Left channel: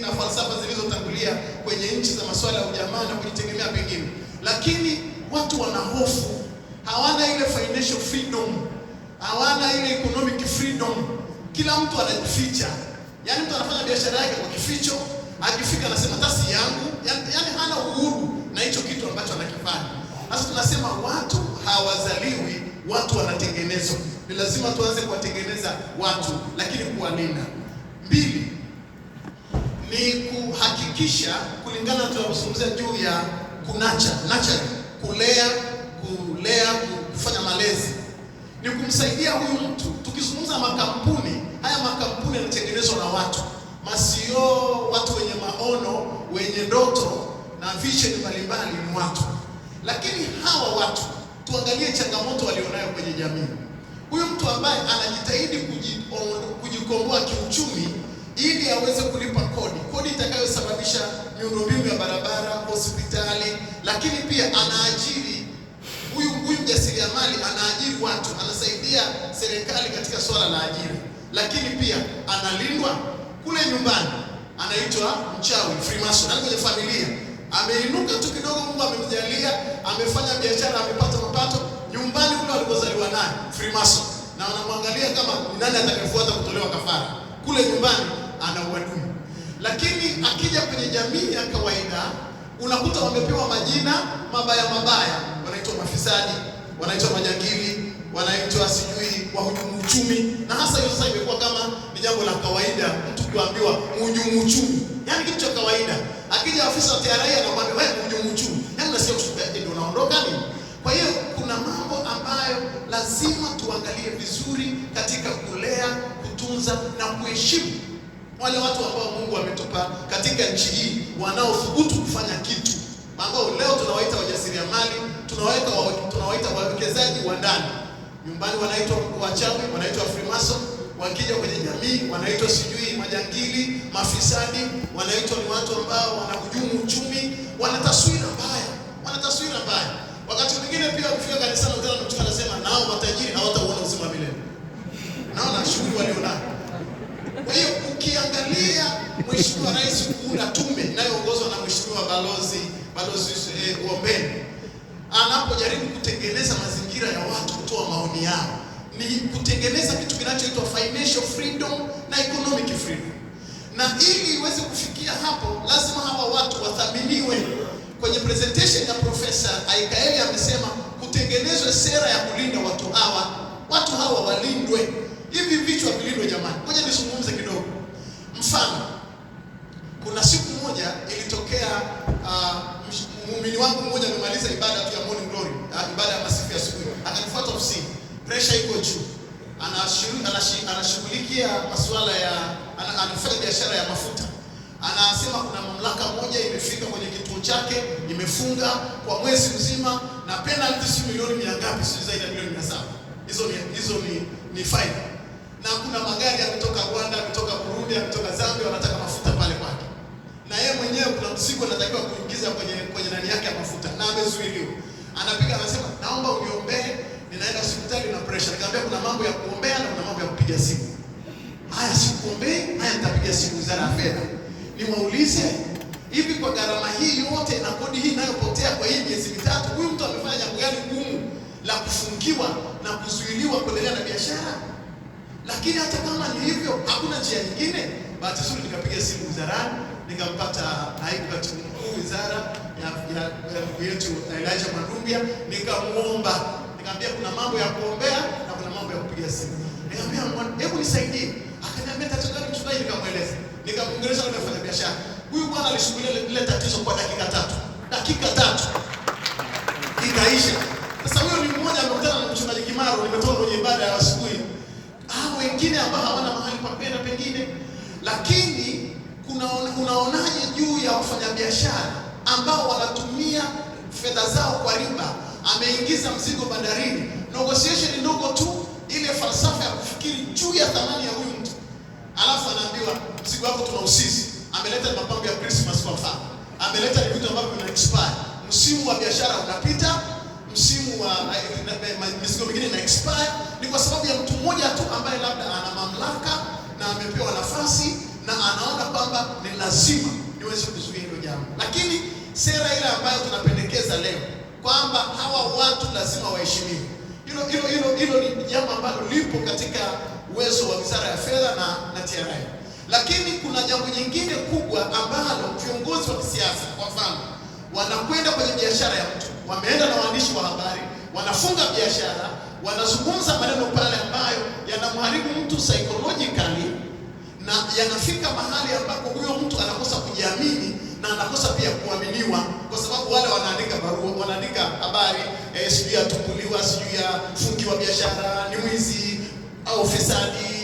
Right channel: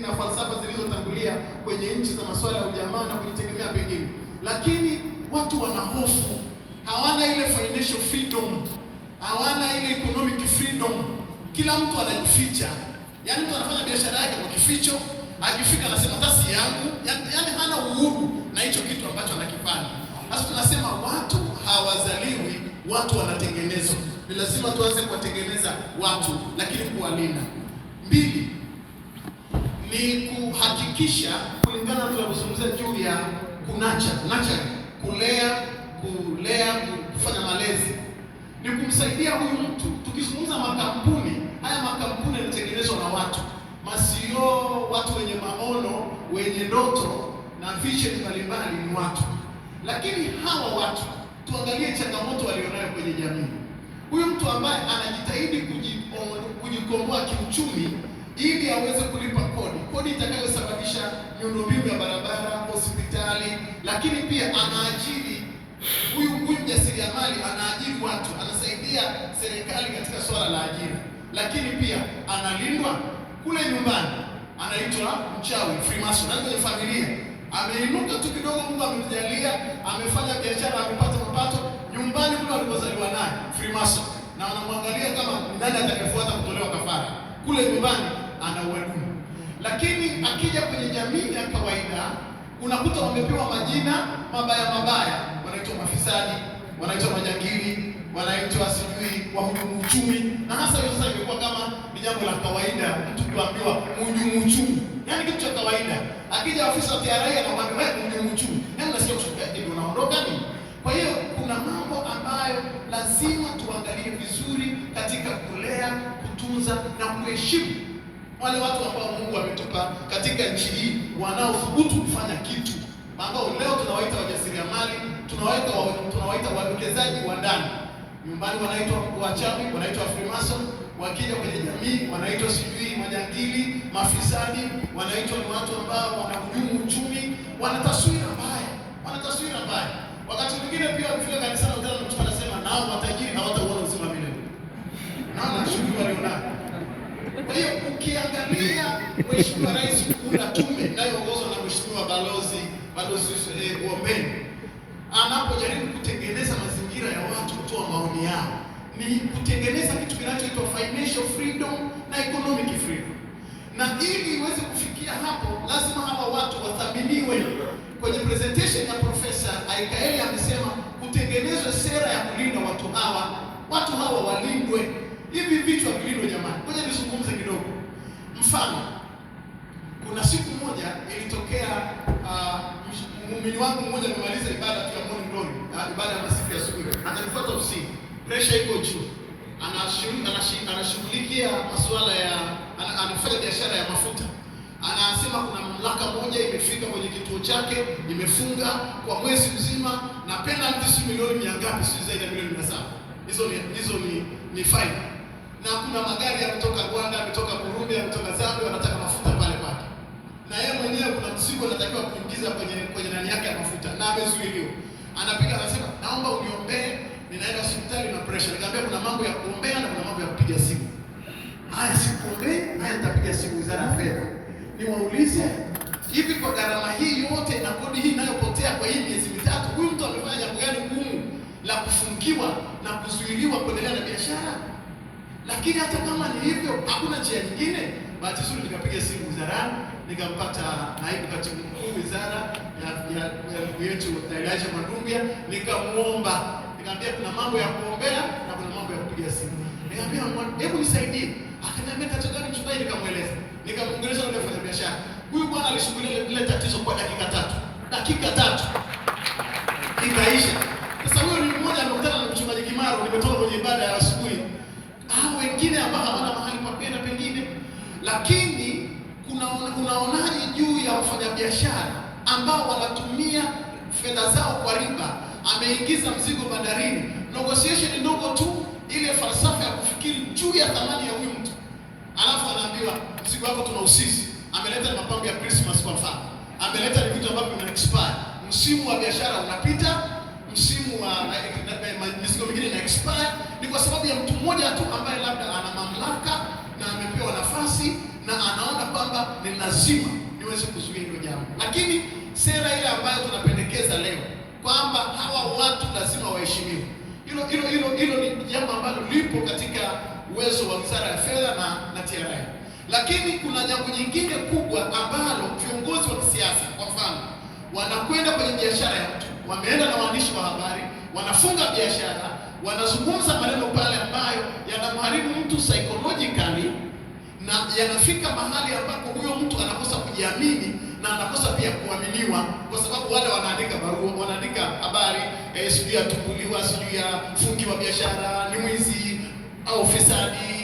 na falsafa zilizotangulia kwenye nchi za masuala ya ujamaa na kujitegemea pengine, lakini watu wana hofu, hawana ile financial freedom, hawana ile economic freedom. Kila mtu anajificha, yaani mtu anafanya biashara yake kwa kificho, akifika anasema tasi yangu, yaani hana uhuru na hicho kitu ambacho anakifanya. Sasa tunasema watu hawazaliwi, watu wanatengenezwa. Ni lazima tuanze kuwatengeneza watu, lakini kuwalinda. Mbili, ni kuhakikisha kulingana tunapozungumzia juu ya nurture, kulea, kufanya malezi. Ni kumsaidia huyu mtu. Tukizungumza makampuni, haya makampuni yanatengenezwa na watu. Masio, watu wenye maono, wenye ndoto na vision mbalimbali ni watu. Lakini hawa watu, tuangalie changamoto walionayo kwenye jamii. Huyu mtu ambaye anajitahidi kujikomboa kiuchumi ili aweze kulipa kodi itakayosababisha miundombinu ya barabara, hospitali, lakini pia anaajiri huyu mjasiriamali, anaajiri watu, anasaidia serikali katika swala la ajira, lakini pia analindwa kule nyumbani. Anaitwa mchawi, Freemason. Kwenye familia ameinuka tu kidogo, Mungu amemjalia, amefanya biashara, amepata mapato, nyumbani kule alipozaliwa naye Freemason, na wanamwangalia kama nani atakayefuata kutolewa kafara. Kule nyumbani ana uadui. Lakini akija kwenye jamii ya kawaida, unakuta wamepewa majina mabaya, wanaitwa mafisadi, wanaitwa majangili, wanaitwa sijui wahujumu uchumi. Na hasa hiyo sasa imekuwa kama ni jambo la kawaida, mtu kuambiwa mhujumu uchumi, yaani kitu cha kawaida. Akija afisa wa TRA anamwambia wewe mhujumu uchumi, yaani unasikia mshtaji ndio unaondoka nini? Kwa hiyo kuna mambo ambayo lazima tuangalie vizuri katika kulea, kutunza na kuheshimu wale watu ambao Mungu ametupa katika nchi hii, wanaothubutu kufanya kitu, ambao leo tunawaita wajasiriamali, tunawaita wawekezaji wa ndani. Nyumbani wanaitwa wachawi, wanaitwa Freemason, wakija kwenye jamii wanaitwa sijui majangili, mafisadi, wanaitwa ni watu ambao wanahujumu uchumi, wana taswira mbaya. Wakati mwingine pia ukifika kanisani utaona mtu anasema nao matajiri hawataona uzima milele. Naona shughuli walionao. Kwa hiyo ukiangalia Mheshimiwa Rais kuunda tume inayoongozwa na Mheshimiwa Balozi Ombeni, anapojaribu kutengeneza mazingira ya watu kutoa maoni yao, ni kutengeneza kitu kinachoitwa financial freedom na economic freedom. Na ili iweze kufikia hapo, lazima hawa watu wathaminiwe. Kwenye presentation ya Profesa Aikaeli amesema kutengenezwe sera ya kulinda watu hawa walindwe. Hivi vichwa vilindwe jamani. Ngoja nizungumze kidogo. Mfano, kuna siku moja ilitokea muumini wangu mmoja amemaliza ibada tu ya morning glory, ibada ya masifu ya asubuhi. Akanifuata ofisini. Pressure iko juu. Anashughulikia masuala ya anafanya biashara ya mafuta. Anasema kuna mamlaka moja imefika kwenye kituo chake, imefunga kwa mwezi mzima na penalty si milioni 100, si zaidi ya milioni 700. Hizo ni fine. Na kuna magari yanatoka Rwanda, kutoka Burundi, kutoka Zambia, wanataka mafuta pale kwake. Na yeye mwenyewe kuna mzigo anatakiwa kuingiza kwenye ndani yake ya mafuta na amezuiliwa. Anapiga anasema, "Naomba uniombee, ninaenda hospitali na pressure." Nikamwambia kuna mambo ya kuombea na kuna mambo ya kupiga simu. Haya sikuombee, haya nitapiga simu Wizara ya Fedha. Niwaulize, hivi kwa gharama hii yote na kodi hii inayopotea kwa hii miezi mitatu, huyu mtu amefanya jambo gani gumu la kufungiwa na kuzuiliwa kuendelea na biashara? Lakini hata kama ni hivyo, hakuna njia nyingine. Bahati nzuri nikapiga simu wizarani, nikampata naibu katibu mkuu wizara ya ndugu yetu Elijah Mandumbia, nikamuomba, nikamwambia kuna mambo ya kuombea na kuna mambo ya kupiga simu. Nikamwambia hebu nisaidie. Akaniambia tatizo gani mchungaji? Nikamweleza. Nikamuongelesha na kufanya biashara. Huyu bwana alishughulikia ile tatizo kwa dakika tatu. Ikaisha. Sasa huyo ni mmoja amekutana na mchungaji Kimaro, nimetoka kwenye ibada ya asubuhi. Hao wengine ambao hawana mahali pa kwenda pengine. Lakini unaonaje juu ya wafanyabiashara ambao wanatumia fedha zao kwa riba? Ameingiza mzigo bandarini. Negotiation ndogo tu, ile falsafa ya kufikiri juu ya thamani ya huyu mtu. Alafu anaambiwa mzigo wako tuna usisi. Ameleta mapambo ya Christmas kwa mfano. Ameleta vitu ambavyo vina expire. Msimu wa biashara unapita, msimu wa mizigo mingine ina expire. Ni kwa sababu ya mtu mmoja tu ambaye labda ana mamlaka na amepewa nafasi na anaona kwamba ni lazima niweze kuzuia hilo jambo. Lakini sera ile ambayo tunapendekeza leo kwamba hawa watu lazima waheshimiwe, hilo ni jambo ambalo lipo katika uwezo wa Wizara ya Fedha na TRA. Lakini kuna jambo nyingine kubwa ambalo viongozi wa kisiasa, kwa mfano, wanakwenda kwenye biashara ya mtu, wameenda na waandishi wa habari, wanafunga biashara, wanazungumza maneno pale ambayo yanamharibu mtu psychologically, na yanafika mahali ambapo huyo mtu anakosa kujiamini na anakosa pia kuaminiwa, kwa sababu wale wanaandika barua, wanaandika habari sijui atumbuliwa, sijui afungiwa biashara, ni mwizi au fisadi